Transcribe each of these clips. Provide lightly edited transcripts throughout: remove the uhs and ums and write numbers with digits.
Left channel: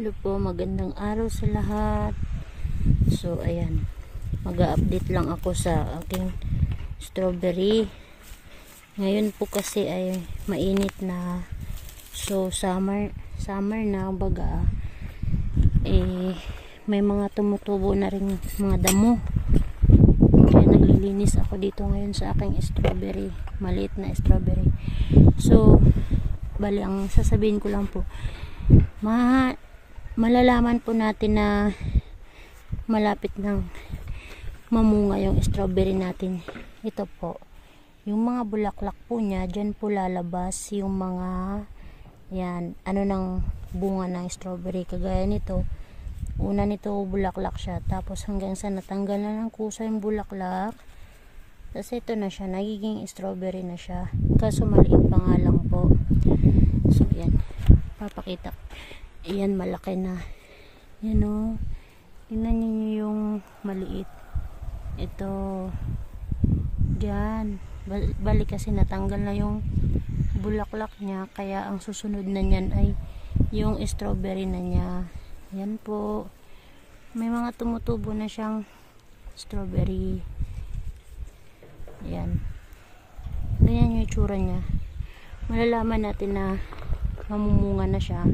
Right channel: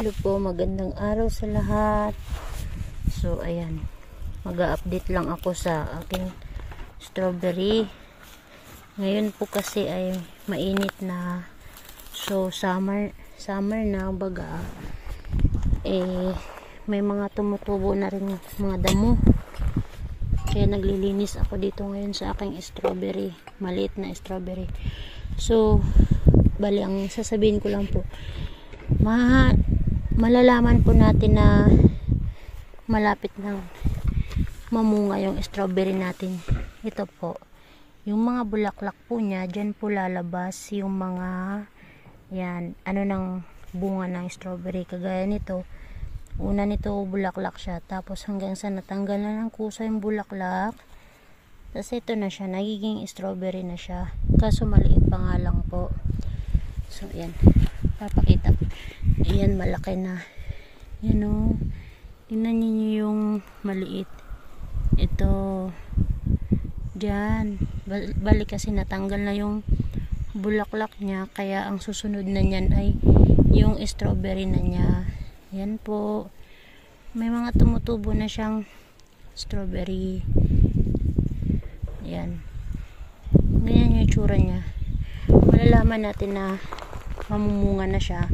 Hello po, magandang araw sa lahat. So ayan, mag-update lang ako sa aking strawberry. Ngayon po kasi ay mainit na, so summer na baga, may mga tumutubo na rin mga damo, kaya naglilinis ako dito ngayon sa aking strawberry, maliit na strawberry. So bali, ang sasabihin ko lang po, malalaman po natin na malapit nang mamunga yung strawberry natin. Ito po, yung mga bulaklak po niya, dyan po lalabas yung mga yan, ng bunga ng strawberry. Kagaya nito, una nito bulaklak siya, tapos hanggang sa natanggal na ng kusa yung bulaklak, tapos ito na siya, nagiging strawberry na siya, kaso maliit pa nga lang po. So yan, papakita. Ayan, malaki na. Yan o. Tingnan niyo yung maliit. Ito. Diyan. Balik kasi natanggal na yung bulaklak niya. Kaya ang susunod na niyan ay yung strawberry na niya. Yan po. May mga tumutubo na siyang strawberry. Yan. Ganyan yung itsura niya. Malalaman natin na mamumunga na siya,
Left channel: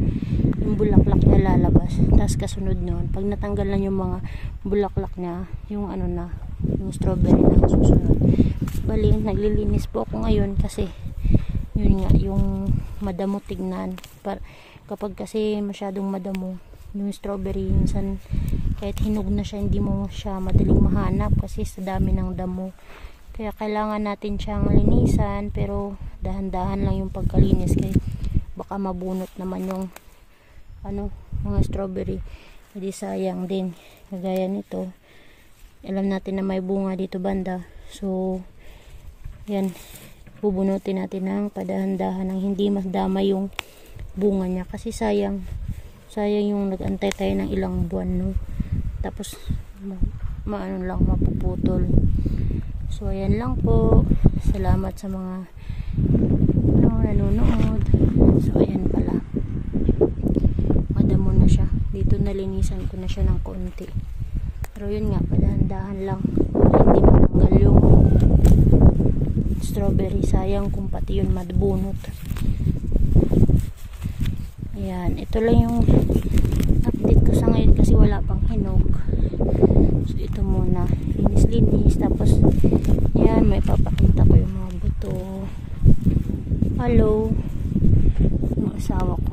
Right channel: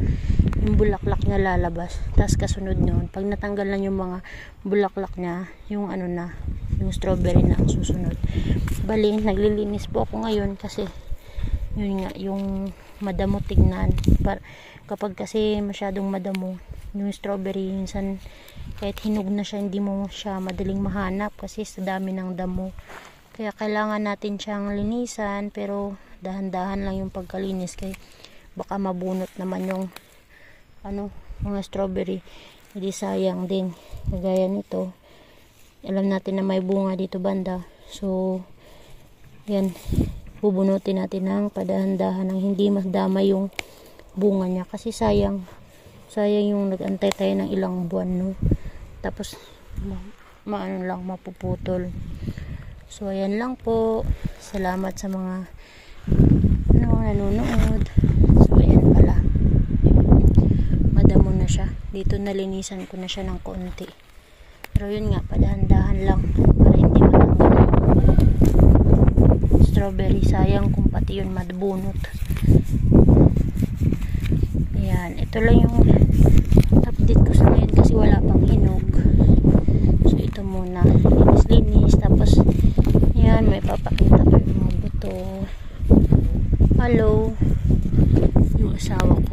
yung bulaklak niya lalabas. Tapos kasunod nun, pag natanggal na yung mga bulaklak niya, yung yung strawberry na ang susunod. Bali, naglilinis po ako ngayon kasi yun nga, yung madamo tignan. Kapag kasi masyadong madamo yung strawberry, minsan kahit hinog na siya, hindi mo siya madaling mahanap kasi sa dami ng damo. Kaya kailangan natin siyang linisan, pero dahan-dahan lang yung pagkalinis, kaya baka mabunot naman yung mga strawberry, hindi sayang din. Kagaya nito, alam natin na may bunga dito banda, so yan, bubunutin natin ng padahan-dahan ng hindi masdama yung bunga niya, kasi sayang yung nag-antay tayo ng ilang buwan, no? Tapos mapuputol. So ayan lang po, salamat sa mga nanonood. So ayan pala, madamo na siya dito, nalinisan ko na siya ng konti, pero yun nga, padahan-dahan lang para hindi matanggal yung strawberry. Sayang kung pati yun madbunot. Ayan, ito lang yung update ko sa ngayon kasi wala pang hinog. So ito muna, linis, tapos yan, may papakita ko yung mga buto. Hello, yung asawa ko.